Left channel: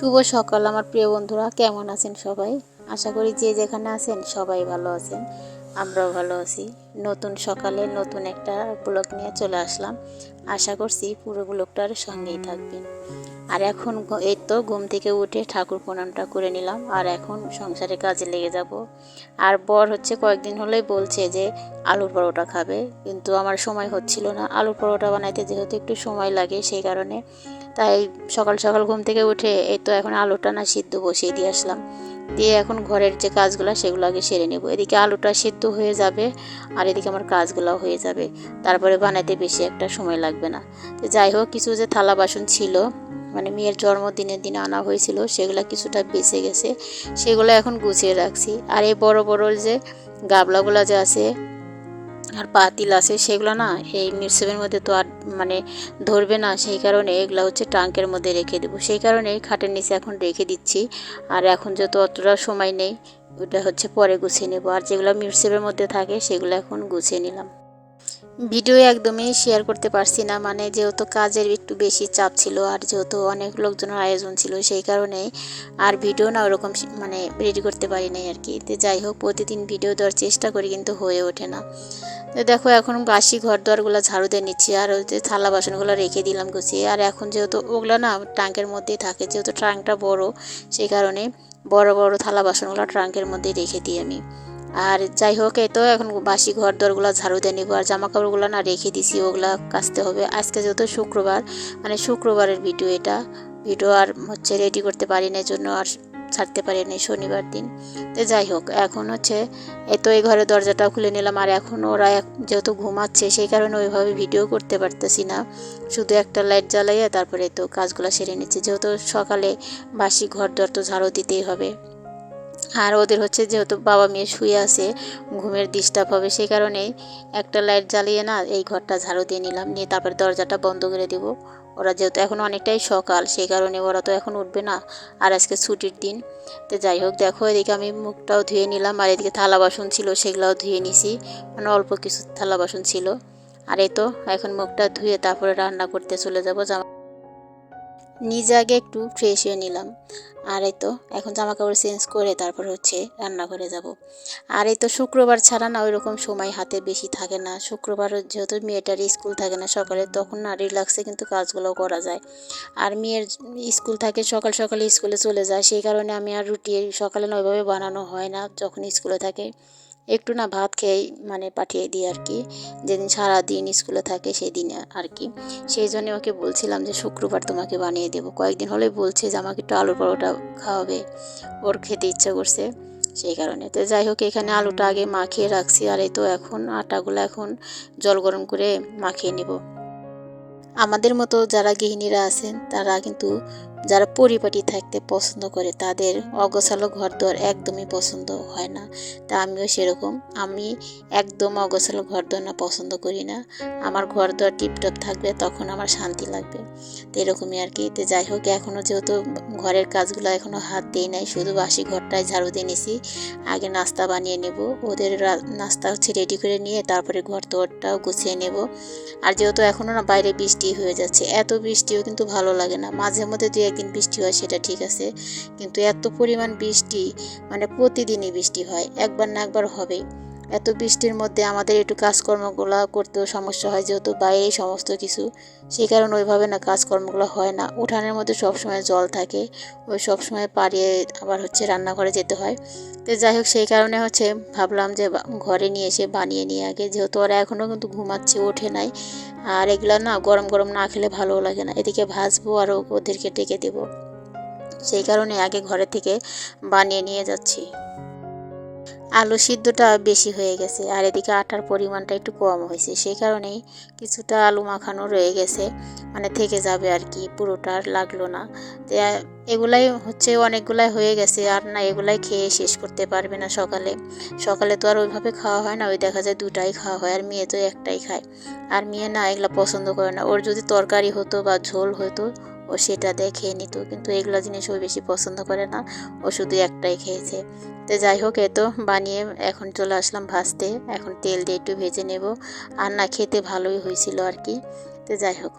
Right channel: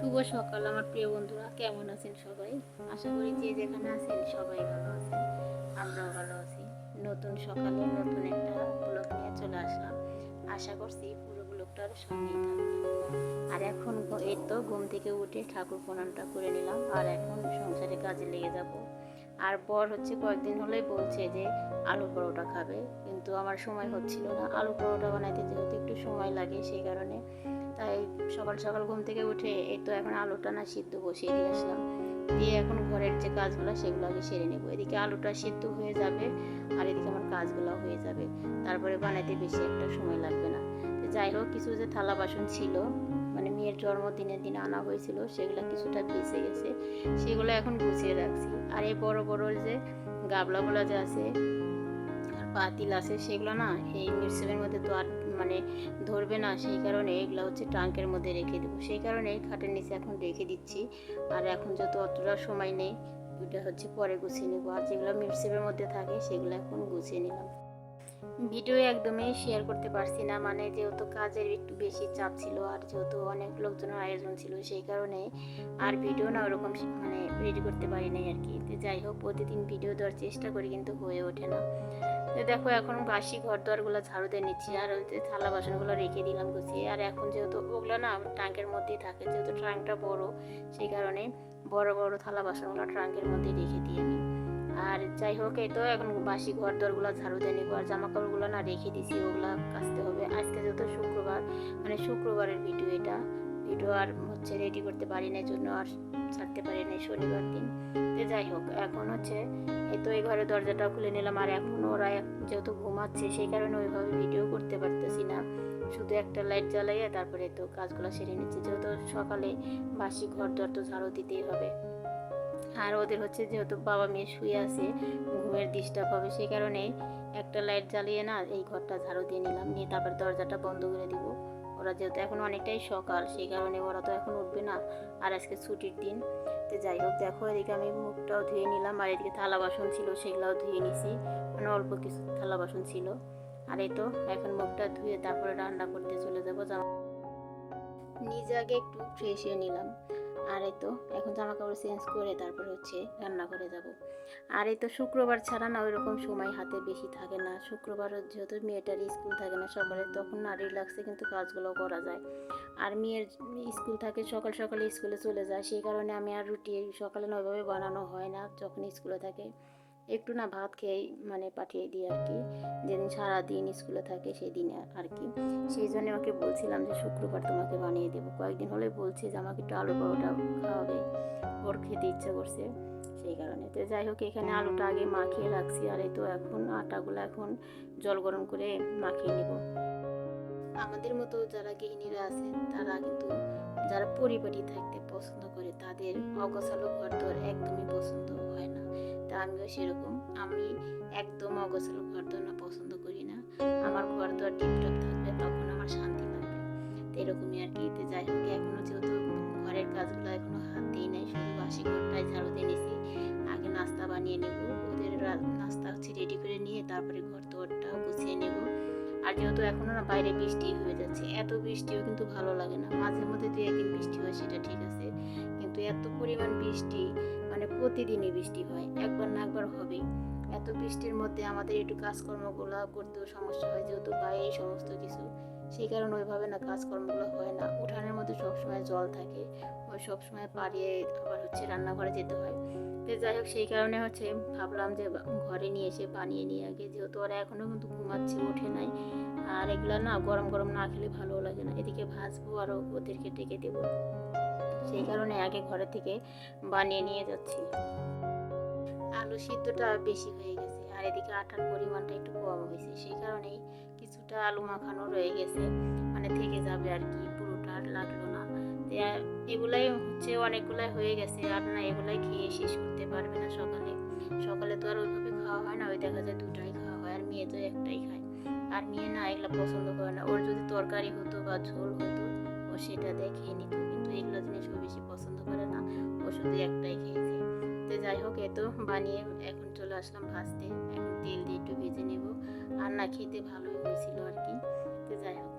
শুভ সকাল, আমার প্রিয় বন্ধুরা। কেমন আছেন সবাই? আশা করি যে যেখানে আছেন সবাই ভালো আছেন, আমরাও ভালো আছি। নতুন সকালে নতুন একটা ব্লগ নিয়ে চলে আসলাম। আশা করছি পুরো ব্লগটার সঙ্গেই থাকবেন। আর এখন এই তো ঘুম থেকে উঠে ঠাকুর প্রণামটা করে নিলাম, আর এখন সংসারে কাজে লেগে যাব। আর বর হচ্ছে কয়েকদিন হলেই বলছে যে আলুর পরোটা খাবে, কিন্তু আমার সময় হচ্ছিল না। আলুর পরোটা বানাইতে যেহেতু একটু সময় লাগে সেই কারণে, তাই সকাল সকাল ঘুম থেকে উঠে এই তো এখন আলুটা না সিদ্ধ বসিয়ে দিয়ে আসলাম। দিয়ে এখন ঘরের যে কাজগুলো সেগুলো আগে সেরে নেব। এদিকে আলুটা সিদ্ধ হয়ে যাবে, আর এদিকে আমার কাজগুলো হয়ে যাবে। তারপরে বানাইতে বেশি একটা সময় লাগবে না। যাই হোক, কিছু যে থালা বাসন ছিল মানে মেয়ের জন্মদিনের দিন আনা হয়েছিল, সেগুলো কিছুটা বেঁচে গেছে, সেগুলো এখন গুছিয়ে রাখছি। আর এই বড় বড় যে গাবলাগুলো যে আছে আর পাতিল আছে, সেগুলো না এই মিরসেবের মধ্যে তো আর মানে ধরবে না, সেই কারণে এগুলো হচ্ছে ট্রাঙ্কের মধ্যে রেখে দেবো। সেই কারণে খাটের নিচে এখন রেখে দিচ্ছি, আর এখন যেহেতু অতটা সময় নেই, ওটা হচ্ছে পরে গুছিয়ে নেব। আর যেগুলো মিরসেবের মধ্যে থাকে, সেগুলো এখন গুছিয়ে নিলাম। ভিডিও একদমই শেয়ার করতে পারছি না। মানে যেহেতু কাজের একটু বেশি চাপ ছিল আর যেহেতু অনেক লোকজনের আয়োজন ছিল, সেই কারণে আর ভিডিও না ওরকম মানে রেডি করতে পারি নাই আর কি। তো যাই হোক, প্রতিদিন ভিডিও দেওয়ার চেষ্টা করি কিন্তু হয়ে ওঠে না। তো দেখো, এখন বাসি ঘর দোয়ারগুলো ঝাড়ু দিয়ে নিচ্ছি আর ওই যে থালা বাসনগুলো রেখে দিলাম গুছিয়ে। আর এখন যেহেতু ওগুলো না ট্রাঙ্কের মধ্যেই থাকে, যেহেতু ট্রাঙ্কটা বড়, সেই কারণে বড় বড় থালা বাসনগুলো ট্রাঙ্কের মধ্যেই রেখে দিই আমি। আর যাই হোক, এই তো এখন বাসি ঘর দরগুলো ঝাড়ু দিয়ে নিবো, আর জামা কাপড়গুলো না রেখে দিছি, ওগুলা কাচতে হবে। আজকে যেহেতু শুক্রবার মানে শুক্রবারের ভিডিও এটা। ভিডিও আর হচ্ছে রেডি করতে পারি না জন্য আর ছাড়তে পারি না শনিবার দিন। তো যাই হোক, এখন হচ্ছে এই তো এই ঘরের দরজাটা খুলে নিলাম, আর এখন ওরা যেহেতু ঘুমাচ্ছে, সেই কারণে ওইভাবে ভিডিও করতে পারতেছি না। শুধু একটা লাইট জ্বালাইয়া তারপরে তো কাজগুলো সেরে নিচ্ছে, যেহেতু সকালে বাসি ঘর দর তো ঝাড়ু দিতেই হবে। আর ওদের হচ্ছে যেহেতু বাবা মেয়ে শুয়ে আছে, ঘুমের ডিস্টার্ব হবে সেই কারণে একটা লাইট জ্বালিয়ে না এই ঘরটা ঝাড়ু দিয়ে নিলাম। নিয়ে তারপরে দরজাটা বন্ধ করে দিব। ওরা যেহেতু এখন অনেকটাই সকাল, সেই কারণে ওরা তো এখন উঠবে না। আর আজকে ছুটির দিন। তো যাই হোক, দেখো এদিকে আমি মুখটাও ধুয়ে নিলাম। আর এদিকে থালা বাসন ছিল, সেগুলোও ধুয়ে নিছি। মানে অল্প কিছু থালা বাসন ছিল। আর এই তো, এখন মুখটা ধুয়ে তারপরে রান্না করতে চলে যাব। জামা নিজে আগে একটু ফ্রেশ হয়ে নিলাম। আর এই তো, এখন জামা কাপড় চেঞ্জ করে তারপর হচ্ছে রান্নাঘরে যাব। আর এই তো শুক্রবার ছাড়া না ওই রকম সময় হাতে বেশি থাকে না। শুক্রবার যেহেতু মেয়েটার স্কুল থাকে না সকালে, তখন না রিল্যাক্সে কিন্তু কাজগুলো করা যায়। আর মেয়ের স্কুল থাকে সকাল সকালে স্কুলে চলে যায়, সেই কারণে আমি আর রুটি সকালে না ওইভাবে বানানো হয় না যখন স্কুলে থাকে। একটু না ভাত খেয়েই মানে পাঠিয়ে দিই আর কি। যেদিন সারাদিন স্কুলে থাকে সেই দিনে আর কি। সেই জন্য ওকে বলছিলাম যে, শুক্রবার তোমাকে বানিয়ে দেবো। কয়েকদিন হলে বলছে যে, আমাকে একটু আলুর পরোটা খাওয়াবে। ওর খেতে ইচ্ছা করছে সেই কারণে। তো যাই হোক, এখানে আলুটা আগে মাখিয়ে রাখছি আর এই তো এখন আটাগুলো এখন জল গরম করে মাখিয়ে নেব। আমাদের মতো যারা গৃহিণীরা আছেন, তারা কিন্তু যারা পরিপাটি থাকতে পছন্দ করে তাদের অগোছালো ঘর দর একদমই পছন্দ হয় না। তা আমিও সেরকম। আমি একদম অগোছালো ঘর দর না পছন্দ করি না। আমার ঘর দর টিপটপ থাকবে তখন আমার শান্তি লাগবে। তো এরকমই আর কি। তো যাই হোক, এখনও যেহেতু ঘরের কাজগুলো এখনও হাত দিই নাই, শুধু বাসি ঘরটায় ঝাড়ু দিয়ে নিছি। আগে নাস্তা বানিয়ে নেব। ওদের নাস্তা হচ্ছে রেডি করে নিয়ে তারপরে ঘর দরটাও গুছিয়ে নেব। আর যেহেতু এখনও না বাইরে বৃষ্টি হয়ে যাচ্ছে, এত বৃষ্টিও কিন্তু ভালো লাগে না। মাঝে মধ্যে দু একদিন বৃষ্টি হয়, সেটা ঠিক আছে। কিন্তু এত পরিমাণ বৃষ্টি মানে প্রতিদিনই বৃষ্টি হয়, একবার না একবার হবেই। এত বৃষ্টির মধ্যে আমাদের একটু কাজকর্মগুলো করতেও সমস্যা হয়, যেহেতু বাইরেই সমস্ত কিছু। সেই কারণে ওইভাবে না কাজকর্মগুলো হয় না। উঠানের মধ্যে সবসময় জল থাকে, ওই সবসময় পাড়িয়ে আবার হচ্ছে রান্নাঘরে যেতে হয়। তো যাই হোক, সেই কারণে হচ্ছে ভাবলাম যে ঘরে নিয়ে এসে বানিয়ে নিয়ে আগে। যেহেতু ওরা এখনও কিন্তু ঘুমাচ্ছে, ওঠে নাই। আর এগুলো না গরম গরম না খেলে ভালোও লাগে না। এদিকে ভাজবো আর ওদেরকে ডেকে দেবো। সেই কারণে আগে ঘরে থেকে বানিয়ে নিয়ে যাচ্ছি। আলু সিদ্ধটা বেশি হয়ে গেছে আর এদিকে আটার পরিমাণটা একটু কম হয়েছে। সেই কারণেই কিছুটা আলু মাখানো রয়ে গেছে মানে থেকে যাবে আর কি, পুরোটা আর লাগল না। এগুলাই হচ্ছে অনেকগুলাই হয়ে গেছে আর না এগুলাই খেয়ে শেষ করতে পারবে না সকালে। সকালে তো আর ওইভাবে খাওয়া হয় না, ওই দেখা যায় দুটাই খাওয়া হয় আর মেয়ে তো একটাই খায়। আর মেয়ে না এগুলো পছন্দ করে না। ওর যদি তরকারি হতো বা ঝোল হতো ও সেটা দিয়ে খেয়ে নিত, কিন্তু এগুলো জিনিস ও বেশি পছন্দ করে না। ও শুধু একটাই খেয়েছে। তো যাই হোক, এ তো বানিয়ে এখন চলে আসলাম ভাজতে। এখন তেল দিয়ে একটু ভেজে নেব। আর না, খেতে ভালোই হয়েছিল আর কি। তো যাই হোক,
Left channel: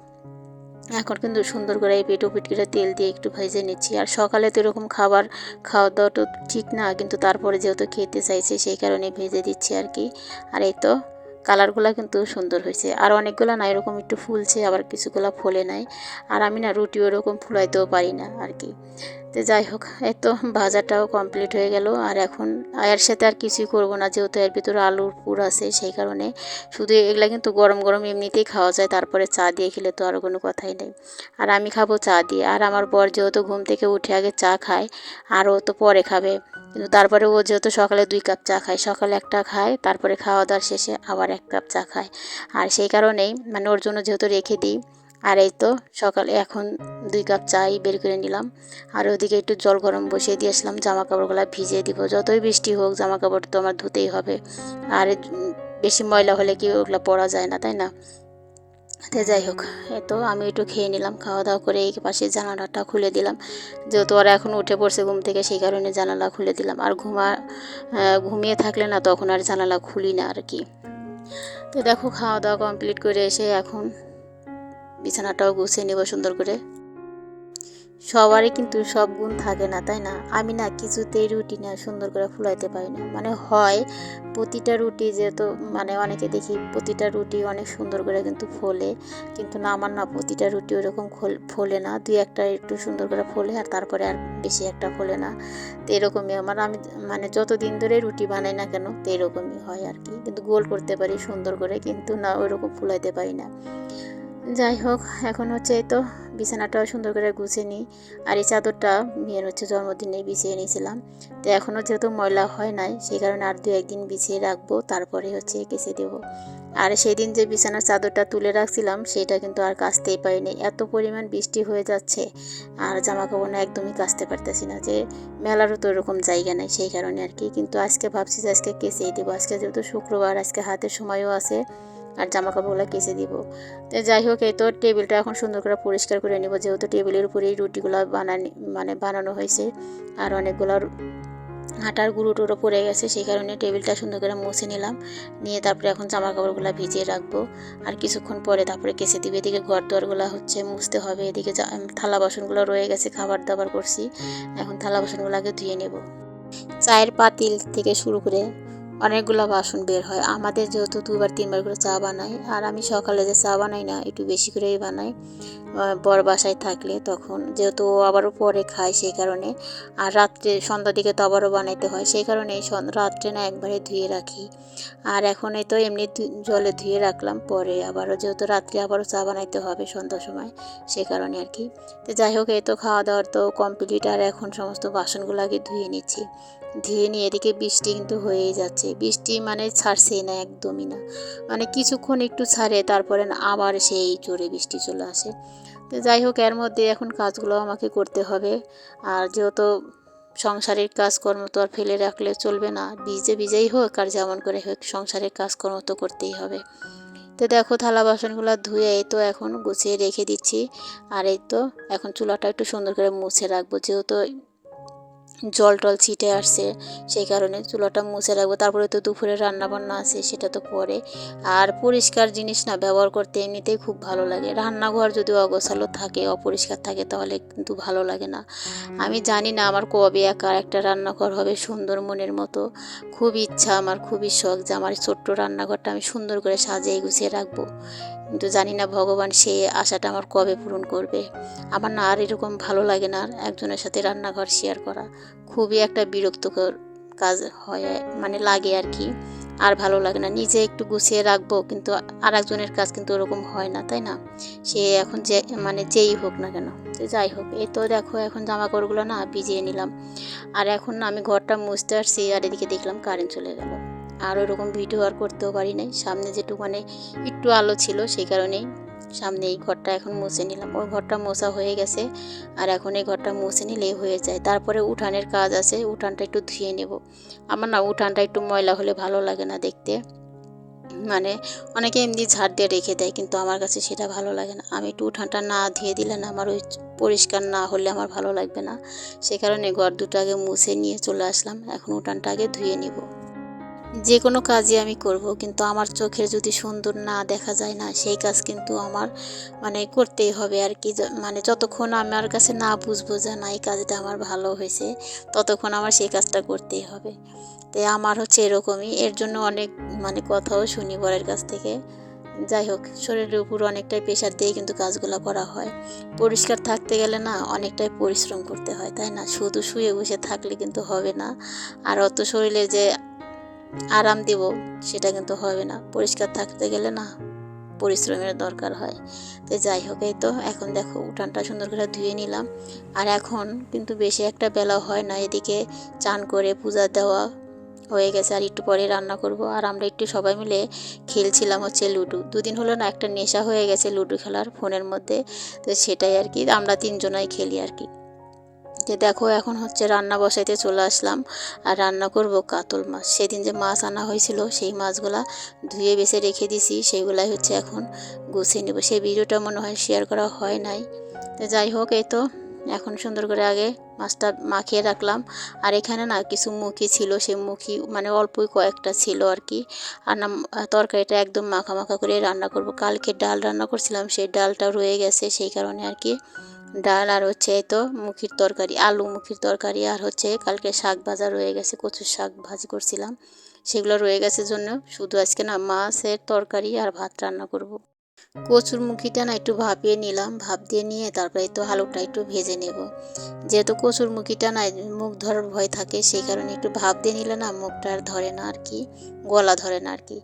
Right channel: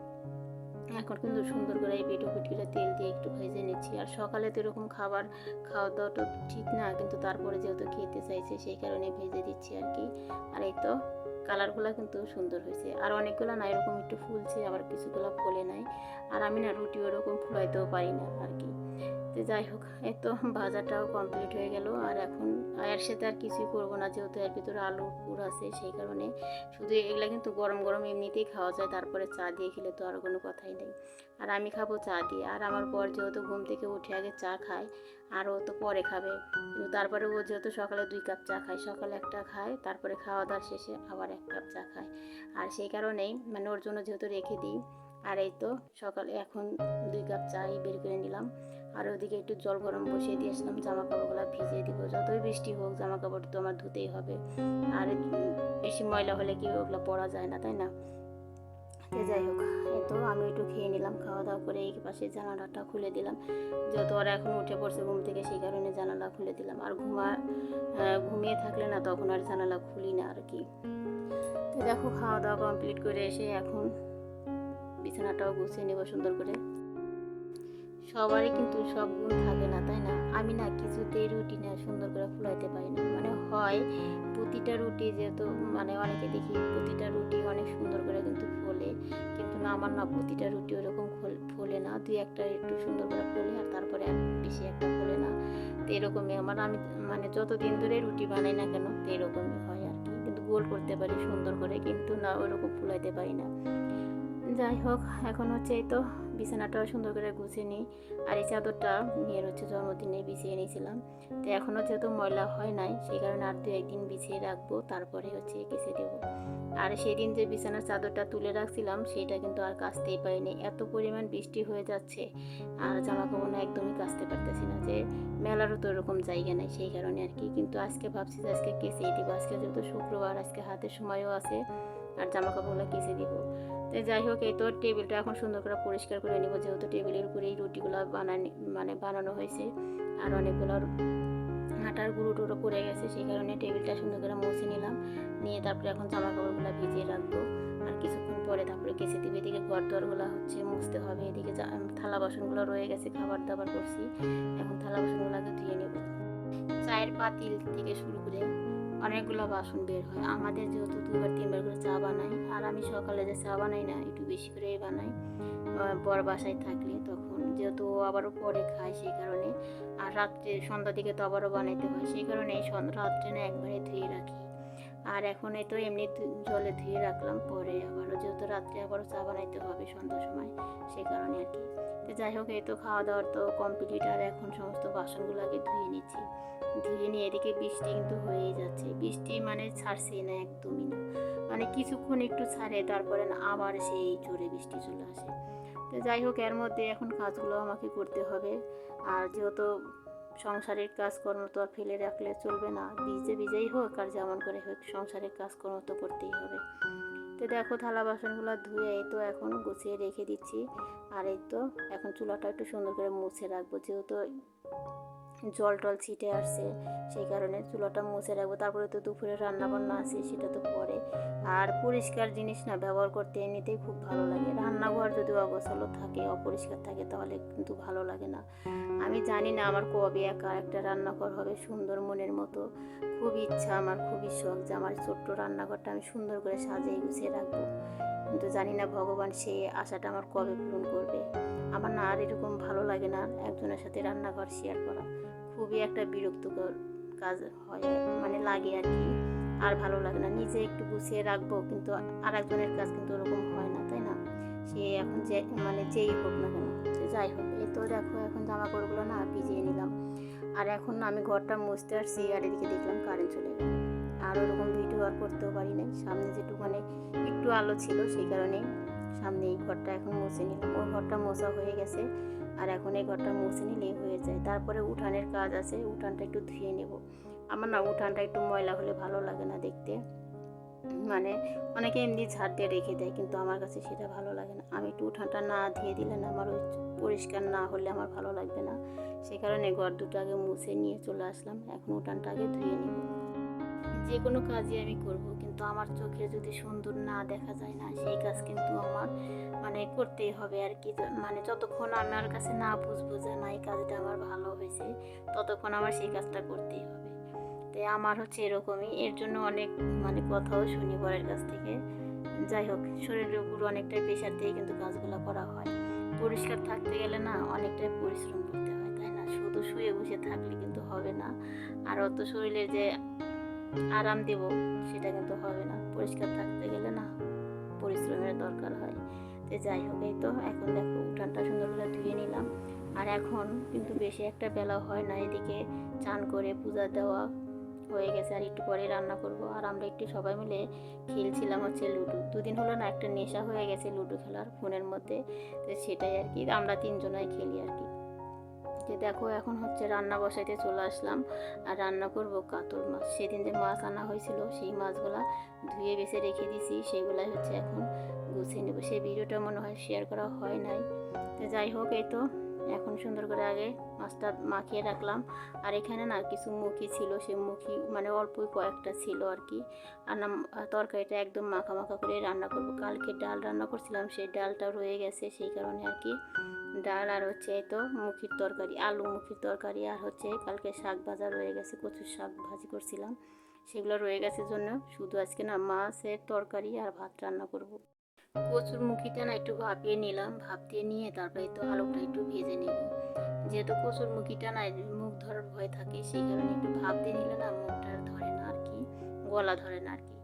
এখন কিন্তু সুন্দর করে এই পেটো পিট করে তেল দিয়ে একটু ভেজে নিচ্ছি। আর সকালে তো এরকম খাবার খাওয়া দাওয়া তো ঠিক না, কিন্তু তারপরে যেহেতু খেতে চাইছে, সেই কারণে ভেজে দিচ্ছি আর কি। আর এই তো কালারগুলো কিন্তু সুন্দর হয়েছে। আর অনেকগুলো না এরকম একটু ফুলছে, আবার কিছুগুলো ফোলে নাই। আর আমি না রুটি ওরকম ফুলাইতেও পারি না আর কি তো যাই হোক, এই তো ভাজাটাও কমপ্লিট হয়ে গেল। আর এখন এর সাথে আর কিছুই করব না, যেহেতু এর ভিতরে আলুর পুর আছে সেই কারণে। শুধু এগুলা কিন্তু গরম গরম এমনিতেই খাওয়া যায়, তারপরে চা দিয়ে খেলে তো আর কোনো কথাই নেই। আর আমি খাব চা দিয়ে। আর আমার বর যেহেতু ঘুম থেকে উঠে আগে চা খায়, আর ও তো পরে খাবে। কিন্তু তারপরে ও যেহেতু সকালে দুই কাপ চা খায়, সকালে একটা খায়, তারপরে খাওয়া দাওয়ার শেষে আবার এক কাপ চা খায়। আর সেই কারণেই মানে ওর জন্য যেহেতু রেখে দিই আর এই তো সকালে এখন দুই কাপ চাই বের করে নিলাম। আর ওদিকে একটু জল গরম বসিয়ে দিয়ে আসলাম জামা কাপড়গুলো ভিজিয়ে দিব। যতই বৃষ্টি হোক জামা কাপড় তো আমার ধুতেই হবে। আর বেশি ময়লা হলে কি ওগুলো পরা যায় না, তাই না? তো যাই হোক তো আমি একটু খেয়ে নিলাম খাওয়া দাওয়া করে এই পাশে জানালাটা খুলে দিলাম। যেহেতু ওরা এখন উঠে পড়ছে ঘুম থেকে, সেই কারণে জানালা খুলে দিলাম। আর ঘুমা ঘুমিয়ে থাকলে না তখন আর জানালা খুলি না আর কি। তো দেখো খাওয়া দাওয়া কমপ্লিট করে এসে এখন বিছানাটাও গুছিয়ে নেব সুন্দর করে। সবারই কিন্তু সব গুণ থাকে না, তাই না? আমি না কিছুতেই রুটি না সুন্দর করে ফুলাইতে পারি না। মানে হয়, প্রতিটা রুটি যেহেতু মানে অনেকে দেখি প্রতিটা রুটি অনেক সুন্দর করে কিন্তু ফোলে, কিন্তু না, আমার না প্রতিটা রুটি ওরকম ফোলে না। দুই একটা একটু সুন্দর করে ফোলে আর তারপরে আর বেশি একটা ফোলে না। তো এরকমই আমার। আমি মানে যতদিন ধরে রুটি বানাই না কেন, তো এরকমই হয় আর কি। কিন্তু গোল করতে পারি সুন্দর করে, কিন্তু না ওইরকম ফুলাইতে পারি না। যাই হোক, এখন হচ্ছে এই তো বিছানাটাও সুন্দর করে গুছিয়ে নিই। আর এই চাদরটা মেয়ের হচ্ছে জন্মদিনে বিছিয়ে নিয়েছিলাম। তো এখনও যেহেতু ময়লা হয় নাই, সেই কারণে আর দু একদিন বিছিয়ে রাখব, তারপরে হচ্ছে কেসে দেবো। আর সেদিন যে বিছানার চাদরটা তুলে রাখছিলাম, সেটা কিন্তু আর কাচতেই পারিনি। এত পরিমাণ বৃষ্টি হয়ে যাচ্ছে, আর জামা কাপড় একদমই কাচতে পারতেছি না যে, মেলারও তো এরকম জায়গা নেই সেই কারণে আর কি। কিন্তু আজকে ভাবছি যে আজকে কেসেই দেবো। আজকে যেহেতু শুক্রবার, আজকে হাতের সময়ও আছে আর জামা কাপড়গুলো কেসে দিব। তো যাই হোক, এই তো টেবিলটা এখন সুন্দর করে পরিষ্কার করে নিব, যেহেতু টেবিলের উপরেই রুটিগুলো বানানি মানে বানানো হয়েছে। আর অনেকগুলো আটার গুঁড়ো টুড়ো পড়ে গেছে, সেই কারণে টেবিলটা সুন্দর করে মুছে নিলাম। নিয়ে তারপরে এখন জামা কাপড়গুলো ভিজিয়ে রাখব। আর কিছুক্ষণ পরে তারপরে কেসে দিবে। এদিকে ঘর দুয়ারগুলো হচ্ছে মুছতে হবে। এদিকে থালা বাসনগুলো রয়ে গেছে, খাবার দাবার করছি। এখন থালা বাসনগুলো আগে ধুয়ে নেব। চায়ের পাতিল থেকে শুরু করে অনেকগুলো বাসন বের হয়। আমাদের যেহেতু দুবার তিনবার করে চা বানাই, আর আমি সকালে যে চা বানাই না, একটু বেশি করেই বানাই। বর বাসায় থাকলে তখন। যেহেতু আবারও পরে খায় সেই কারণে। আর রাত্রে, সন্ধ্যার দিকে তো আবারও বানাইতে হয়। সেই কারণে রাত্রে না একবারে ধুয়ে রাখি। আর এখন তো এমনি জলে ধুয়ে রাখলাম। পরে আবারও যেহেতু রাত্রে আবারও চা বানাইতে হবে সন্ধ্যার সময় সেই কারণে আর কি। তো যাই হোক, এই তো খাওয়া দাওয়ার তো কমপ্লিট আর এখন সমস্ত বাসনগুলো আগে ধুয়ে নিচ্ছি। ধুয়ে নিয়ে এদিকে বৃষ্টি কিন্তু হয়েই যাচ্ছে। বৃষ্টি মানে ছাড়ছেই না, একদমই না। মানে কিছুক্ষণ একটু ছাড়ে, তারপরে আবার সেই জোরে বৃষ্টি চলে আসে। তো যাই হোক, এর মধ্যে এখন কাজগুলো আমাকে করতে হবে। আর যেহেতু সংসারের কাজকর্ম তো আর ফেলে রাখলে চলবে না, ভিজে ভিজেই হোক আর যেমন করে হোক, সংসারের কাজকর্ম তো করতেই হবে। তো দেখো, থালা বাসনগুলো ধুয়ে এই তো এখন গুছিয়ে রেখে দিচ্ছি। আর এই তো এখন চুলাটা একটু সুন্দর করে মুছে রাখব। যেহেতু জল টল ছিটে আসছে, সেই কারণে চুলাটা মুছে রাখব। তারপরে তো দুপুরে রান্নাবান্না আছে, সেটা তো পরে। আর পরিষ্কার জিনিস না, ব্যবহার করতে এমনিতেই খুব ভালো লাগে। রান্নাঘর যদি অগোছালো থাকে, অপরিষ্কার থাকে, তাহলে কিন্তু ভালো লাগে না। আমি জানি না আমার কবে একা একটা রান্নাঘর হবে সুন্দর মনের মতো। খুব ইচ্ছা, আমার খুবই শখ যে আমার ছোট্ট রান্নাঘরটা আমি সুন্দর করে সাজিয়ে গুছিয়ে রাখব। কিন্তু জানি না ভগবান সেই আশাটা আমার কবে পূরণ করবে। আমার না আর এরকম ভালো লাগে না আর একজনের সাথে রান্নাঘর শেয়ার করা। খুবই একটা বিরক্তকর কাজ হয় মানে লাগে আর কি। আর ভালো লাগে না। নিজে একটু গুছিয়ে রাখব, কিন্তু আর একজনের কাজ কিন্তু ওরকম হয় না, তাই না? সে এখন যে মানে যেই হোক না কেন যাই হোক। এই তো দেখো, এখন জামা কাপড়গুলো না ভিজিয়ে নিলাম। আর এখন আমি ঘরটা মুছতে আসছি, আর এদিকে দেখলাম কারেন্ট চলে গেল। আর ওরকম ভিডিও আর করতেও পারি নাই। সামনে যেটুকু মানে একটু আলো ছিল সেই কারণেই সামনে এই ঘরটা এখন মুছে নিলাম। ওই ঘরটা মোছা হয়ে গেছে আর এখন এই ঘরটা মুছে নিলেই হয়ে যায়। তারপরে উঠানের কাজ আছে, উঠানটা একটু ধুয়ে নেব। আমার না উঠানটা একটু ময়লা হলে ভালো লাগে না দেখতে। মানে অনেকে এমনি ঝাড় দিয়ে রেখে দেয় কিন্তু আমার কাছে সেটা ভালো লাগে না। আমি একটু উঠানটা না ধুয়ে দিলে না আমার ওই পরিষ্কার না হলে আমার ভালো লাগবে না। সে কারণে ঘর দুটো আগে মুছে নিয়ে চলে আসলাম। এখন উঠানটা আগে ধুয়ে নিব। যে কোনো কাজই আমি করব, কিন্তু আমার চোখের যদি সুন্দর না দেখা যায় না, সেই কাজ কিন্তু আমার মানে করতেই হবে আর কি। মানে যতক্ষণ আমার কাছে না বুঝব যে না, এই কাজটা আমার ভালো হয়েছে, ততক্ষণ আমার সেই কাজটা করতেই হবে। তাই আমার হচ্ছে এরকমই, এর জন্য অনেক মানে কথাও শুনি বরের কাছ থেকে। যাই হোক, শরীরের উপর অনেকটাই প্রেশার দিয়ে কিন্তু কাজগুলো করা হয়। পরিষ্কার থাকতে গেলে না, অনেকটাই পরিশ্রম করতে হয়, তাই না? শুধু শুয়ে বসে থাকলে কিন্তু হবে না। আর অত শরীরে যে আরাম দেব, সেটা কিন্তু হবে না। পরিষ্কার থাকতে গেলে না পরিশ্রমের দরকার হয়। তো যাই হোক, এই তো এখন দেখো উঠানটা সুন্দর করে ধুয়ে নিলাম। আর এখন কিন্তু বেশি একটা বেলা হয় না, এদিকে চান করে পূজা দেওয়া হয়ে গেছে আর একটু পরে রান্না করব। আর আমরা একটু সবাই মিলে খেলছিলাম হচ্ছে লুডো। দুদিন হলো না, একটা নেশা হয়ে গেছে লুডো খেলার ফোনের মধ্যে, তো সেটাই আর কি। আমরা তিনজনাই খেলি আর কি। যে দেখো এখন হচ্ছে রান্না বসাইতে চলে আসলাম আর রান্না করব কাতল মাছ। সেদিন যে মাছ আনা হয়েছিল, সেই মাছগুলা ধুয়ে বেছে রেখে দিছি সেইগুলাই হচ্ছে এখন গুছিয়ে নেব। সেই ভিডিওটা মনে হয় শেয়ার করা হয় নাই। তো যাই হোক, এই তো এখন সুন্দর করে আগে মাছটা মাখিয়ে রাখলাম। আর এখানে না কিছু মুখি ছিল, সেই মুখি মানে অল্পই কয়েকটা ছিল আর কি। আর না তরকারিটা একদম মাখা মাখা করে রান্না করব। কালকে ডাল রান্না করছিলাম, সেই ডালটা রয়ে গেছে, সেই কারণে আর কি ডাল আর হচ্ছে তো মুখির তরকারি, আলু মুখির তরকারি আর হচ্ছে কালকে শাক ভাজা রয়ে গেছে, কচুর শাক ভাজি করছিলাম সেগুলো রয়ে গেছে জন্য শুধু আজকে না, মাছের তরকারি আর ভাত রান্না করব। কচুর মুখিটা না একটু ভাপিয়ে নিলাম ভাপ দিয়ে নিয়ে তারপরে তো আলুটা একটু ভেজে নেব। যেহেতু কচুর মুখিটা না মুখ ধরার ভয় থাকে, সেই কারণে একটু ভাপ দিয়ে নিলে না মুখটা আর ধরে না আর কি, গলা ধরে না আর কি।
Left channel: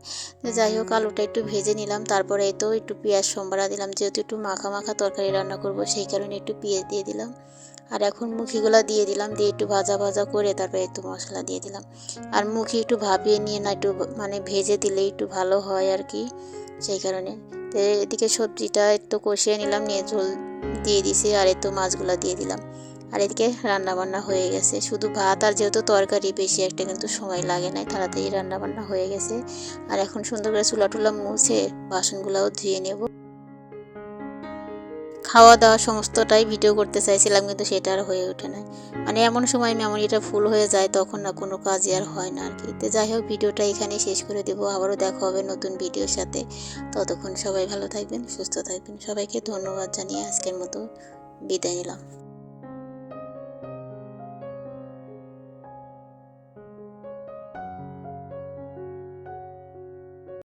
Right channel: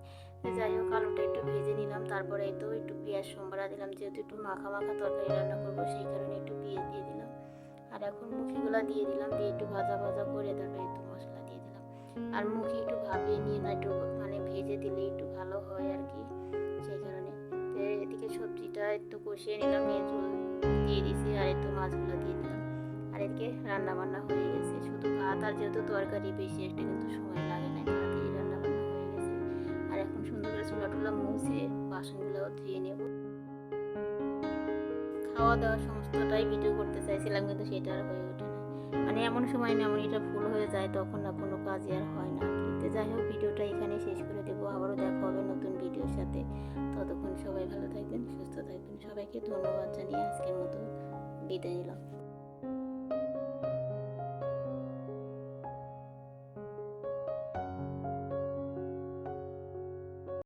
যাই হোক, আলুটা একটু ভেজে নিলাম, তারপরে তো একটু পেঁয়াজ সম্বারা দিলাম, যেহেতু একটু মাখা মাখা তরকারি রান্না করব, সেই কারণে একটু পেঁয়াজ দিয়ে দিলাম। আর এখন মুখিগুলো দিয়ে দিলাম, দিয়ে একটু ভাজা ভাজা করে তারপরে একটু মশলা দিয়ে দিলাম। আর মুখি একটু ভাপিয়ে নিয়ে না একটু মানে ভেজে দিলে একটু ভালো হয় আর কি, সেই কারণে। তো এদিকে সবজিটা একটু কষিয়ে নিলাম, নিয়ে ঝোল দিয়ে দিছি আর একটু মাছগুলো দিয়ে দিলাম। আর এদিকে রান্না বান্না হয়ে গেছে। শুধু ভাত আর যেহেতু তরকারি বেশি একটা কিন্তু সময় লাগে নাই তাড়াতাড়ি রান্না বান্না হয়ে গেছে। আর এখন সুন্দর করে চুলা টুলা মুছে বাসনগুলোও ধুয়ে নেব। খাওয়া দাওয়া সমস্তটাই ভিডিও করতে চাইছিলাম, কিন্তু সেটা আর হয়ে ওঠে না। মানে এমন সময় মেমোরিটা ফুল হয়ে যায়, তখন না কোনো কাজই আর হয় না আর কি তো যাই হোক, ভিডিওটা এখানে শেষ করে দেবো। আবারও দেখা হবে নতুন ভিডিওর সাথে। ততক্ষণ সবাই ভালো থাকবেন, সুস্থ থাকবেন। সবাইকে ধন্যবাদ জানিয়ে আজকের মতো বিদায় নিলাম।